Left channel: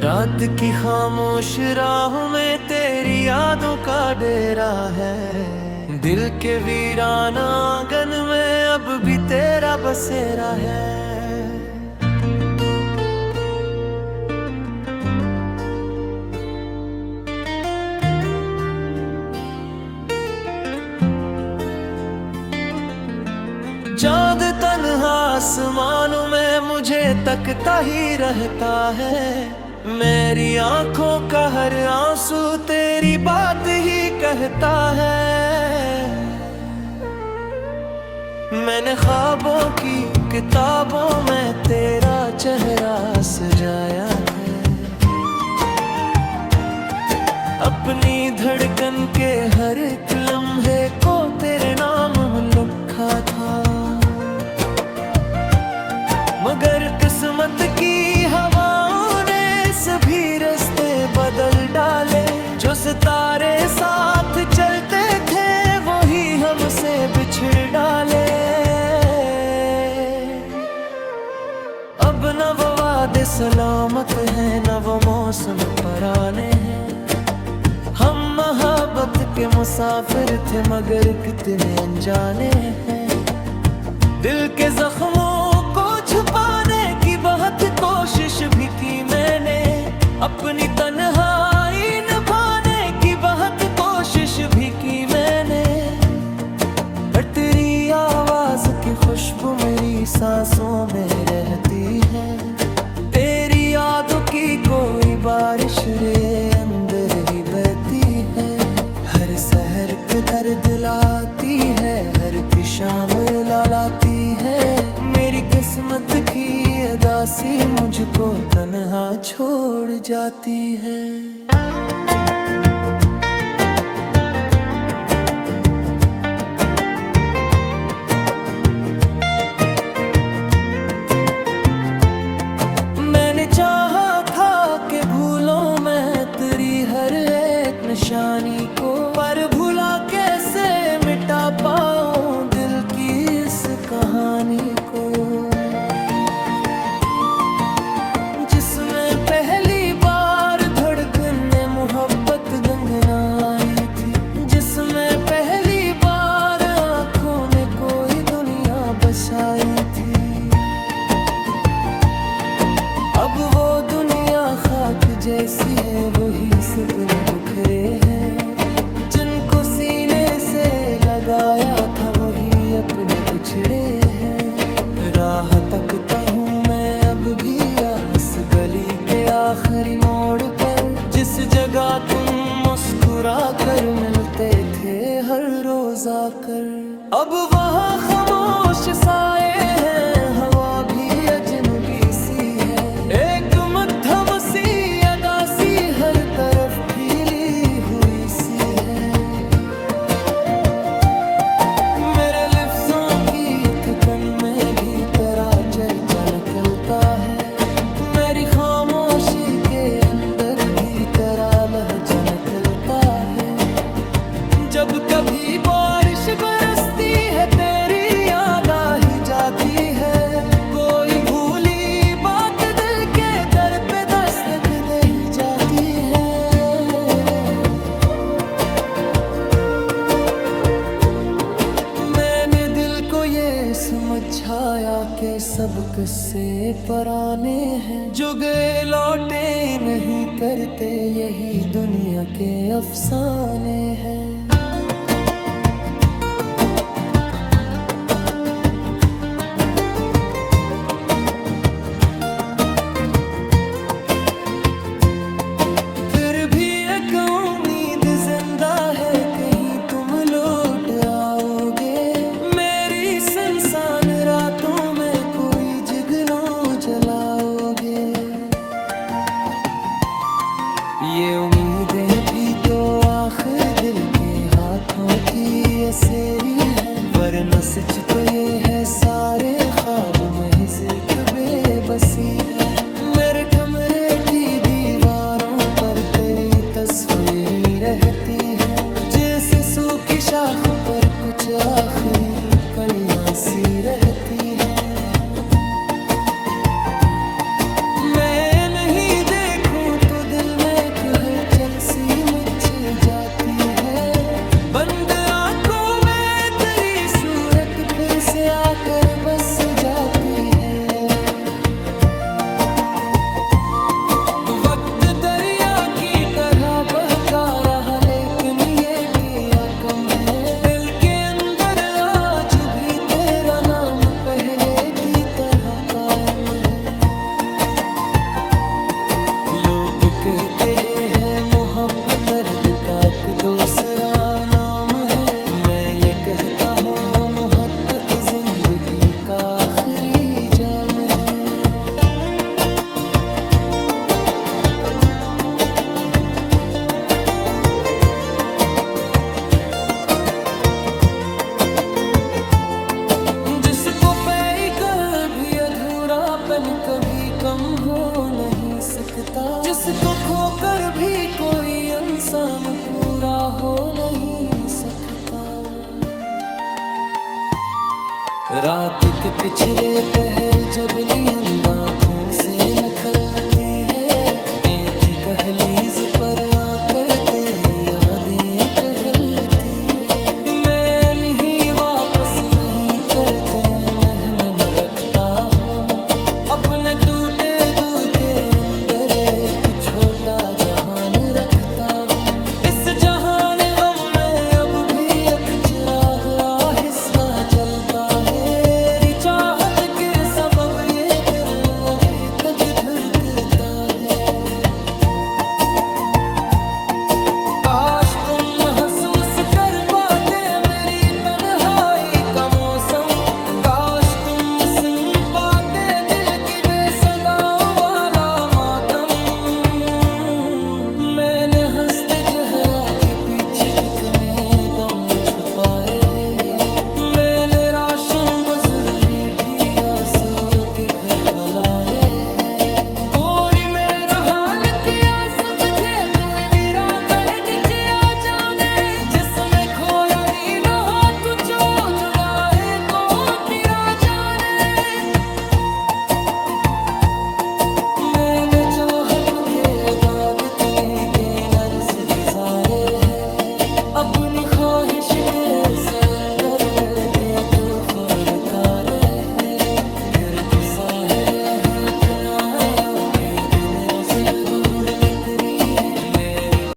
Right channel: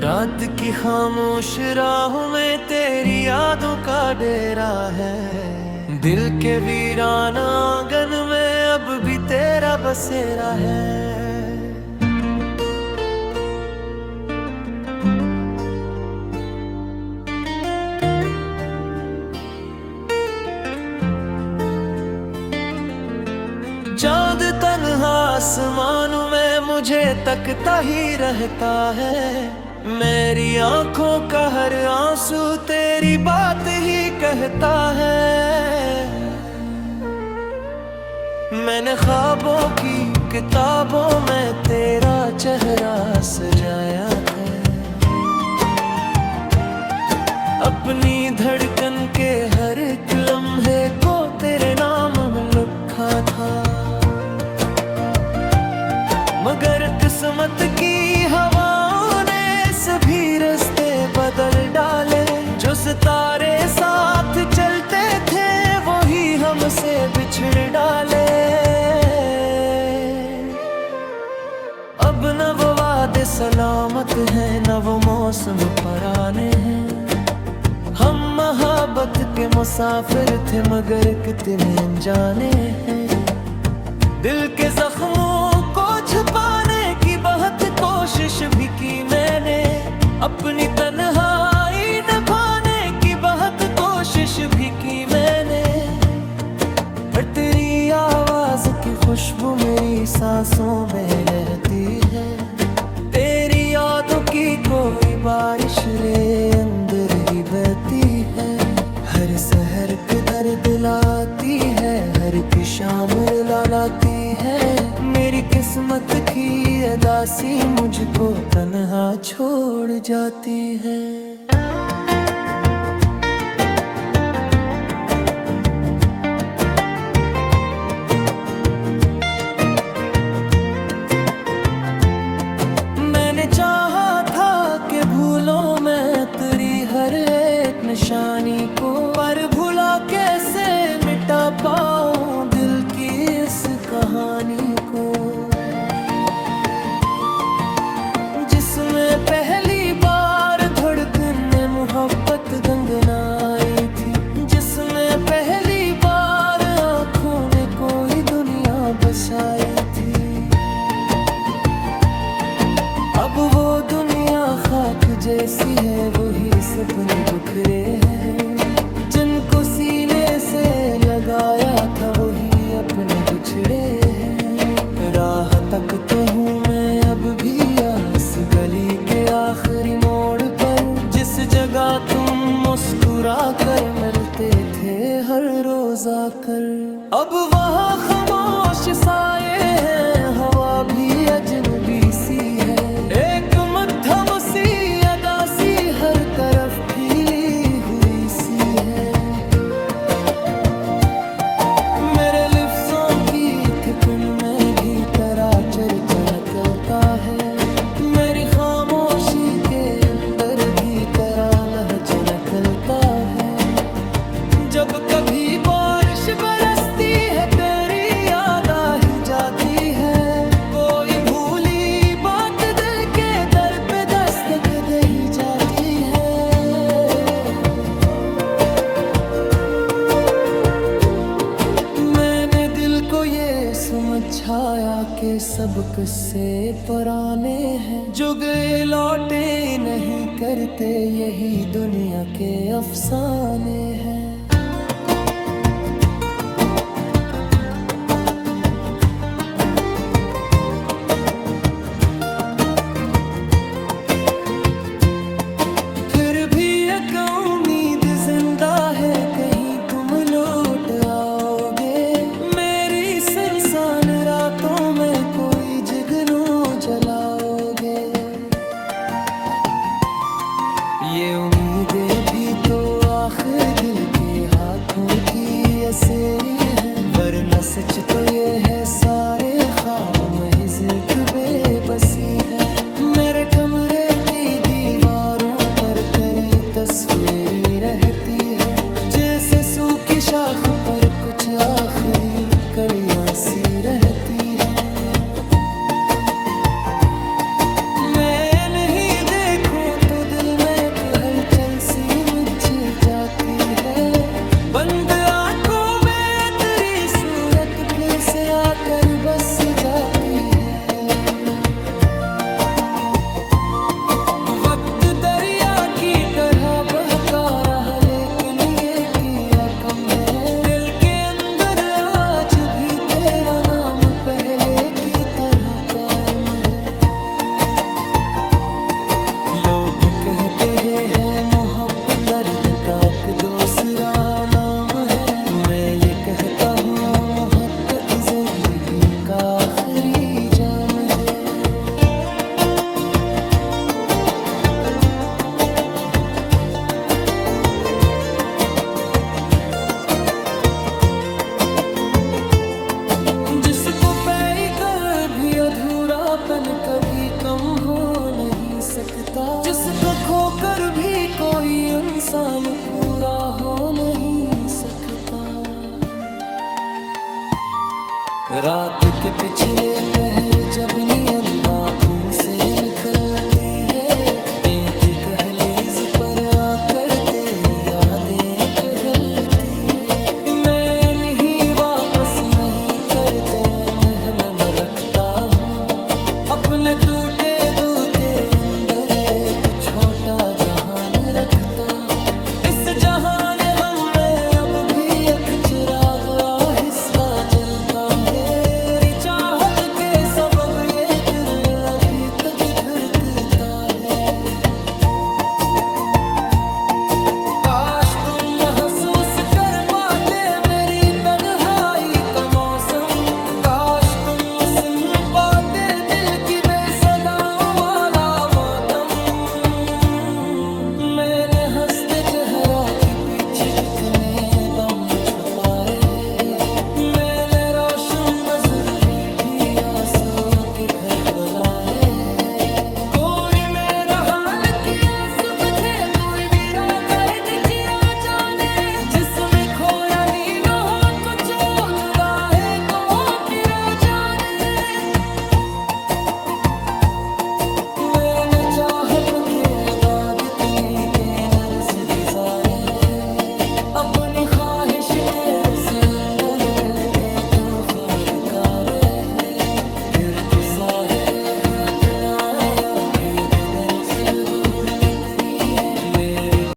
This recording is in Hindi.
रात की खामोश राहों में तेरी यादों का डेरा है। दिल के वीराना आंगन में अब भी तेरा बसेरा है। चाँद तन्हा आसमानों में मुझे तकता ही रहता है। मेरी आंखों का हर आंसू तेरी बात ही कहता है। मैंने ख्वाबों की किताबों में तेरा चेहरा सजाया है। अपनी धड़कन के हर एक लम्हे को तेरे नाम लिखा था। मगर किस्मत की हवाओं ने सभी रास्ते बदल डाले। जो सितारे साथ चलते थे वही हमसे बिछड़ डाले। अब न वो वादे सलामत हैं, न वो मौसम पुराने हैं। हम मोहब्बत के मुसाफिर थे मगर कितने अनजाने हैं। दिल के जख्मों को छुपाने की बहुत कोशिश भी की मैंने। अपनी तन्हाई निभाने की बहुत कोशिश भी की मैंने। पर तेरी आवाज की खुशबू मेरी सांसों में रहती है। तेरी यादों की कोई बारिश रे अंदर ही बहती है। हर सहर के दर्द लाती है, हर की शाम रुला लाती है। मेरी किस्मत की अदासी मुझको तन्हा छोड़ जाती है। चाहा था कि भूलों मैं तेरी हर एक निशानी को। पर भूला कैसे मिटा पाऊं दिल की इस कहानी को। जिसमें पहली बार धड़कने मोहब्बत गंगनाई थी। जिसमें पहली बार आँखों ने कोई दुनिया बसाई थी। अब वो दुनिया खाक जैसी है, वही सपने बिखरे हैं। जिनको सीने से लगाया था वही अपने बिछड़े हैं। राह तकता हूँ मैं अब भी आस गली के आखिरी मोड़ पर। जिस जगह तुम मुस्कुरा कर मिलते थे हर रोज आकर। अब वहाँ खामोश साए हैं, हवा भी अजनबी सी है। एक मध्यम सी अदासी हर तरफ फैली हुई सी है। मेरे लफ्जों की थकन में भी तेरा चर्चा निकलता है। मेरी खामोशी के अंदर भी तेरा लहजा निकलता है। जब कभी बारिश बरसती है तेरी याद आ ही जाती है। कोई भूली बात दिल के दर पे दस्तक दे ही जाती है। मैंने दिल को ये समझाया कि सब किस्से पुराने हैं। जो गए लौटे नहीं करते, यही दुनिया के अफसाने हैं। उम्मीद जिंदा है, कहीं तुम लौट आओगे। मेरी सुनसान रातों में कोई जुगनू जलाओगे। ये उम्मीदें भी तो आखिर दिल के हाथों की असेरी है। वरना सच तो ये है सारे ख्वाब महज एक बेबसी है। मेरे कमरे की दीवारों पर तेरी तस्वीरें रहती है। जैसे सूखी शाख पर कुछ आखिरी कलियां सी रहती है। मैं नहीं देखूं हलचल सी मच जाती है। बंद आंखों में तेरी सूरत फिर से आकर बस जाती है। वक्त दरिया की तरह बहता रहा लेकिन ये क्या कम है। दिल के अंदर आज भी तेरा नाम पहले की तरह कायम है। लोग कहते हैं मोहब्बत दर्द का एक दूसरा नाम है। मैं ये कहता हूँ मोहब्बत जिंदगी का आखिरी जाम है। जिसको पैगर भी अधूरापन कभी कम हो नहीं सकता। जिसको खोकर भी कोई इंसान पूरा हो नहीं सकता। रात के पिछले पहर जब नींद आँखों से निकलती है। देती दहलीज पर आकर तेरी यादें टहलती है। मैं नहीं वापस नहीं करते मैं रखता हूँ। अपने टूटे दिल के अंदर एक छोटा जहान रखता हूँ। इस जहान गम में अब भी एक चिराग आहिस्ता जलता है। तेरी चाहत के सबब ये दिल अभी तक धड़कता है। काश तुम महसूस कर पाते मेरी तन्हाई का मौसम। काश तुम सुन पाते दिल की बेसदाओं वाला मातम। मैंने हंसते चेहरा के पीछे कितने दम छुपाए हैं। मैंने राशन बज़र में भी आंसू के घर बनाए हैं। कोई मेरा हाल किया समझे कोई मेरा दर्द किया जाने। जिसमें खोया नीन हो तो जो जुदा है को तेरा जाने। मैंने चाहत के बाद तुम्हें के नर्स गुजारे हैं। अपनी ख्वाहिश के सुंदर मिलके तूफान कारे हैं। फिर भी साहिर है अपना आया फिर दिन रफद भूल में तेरी है मेरी।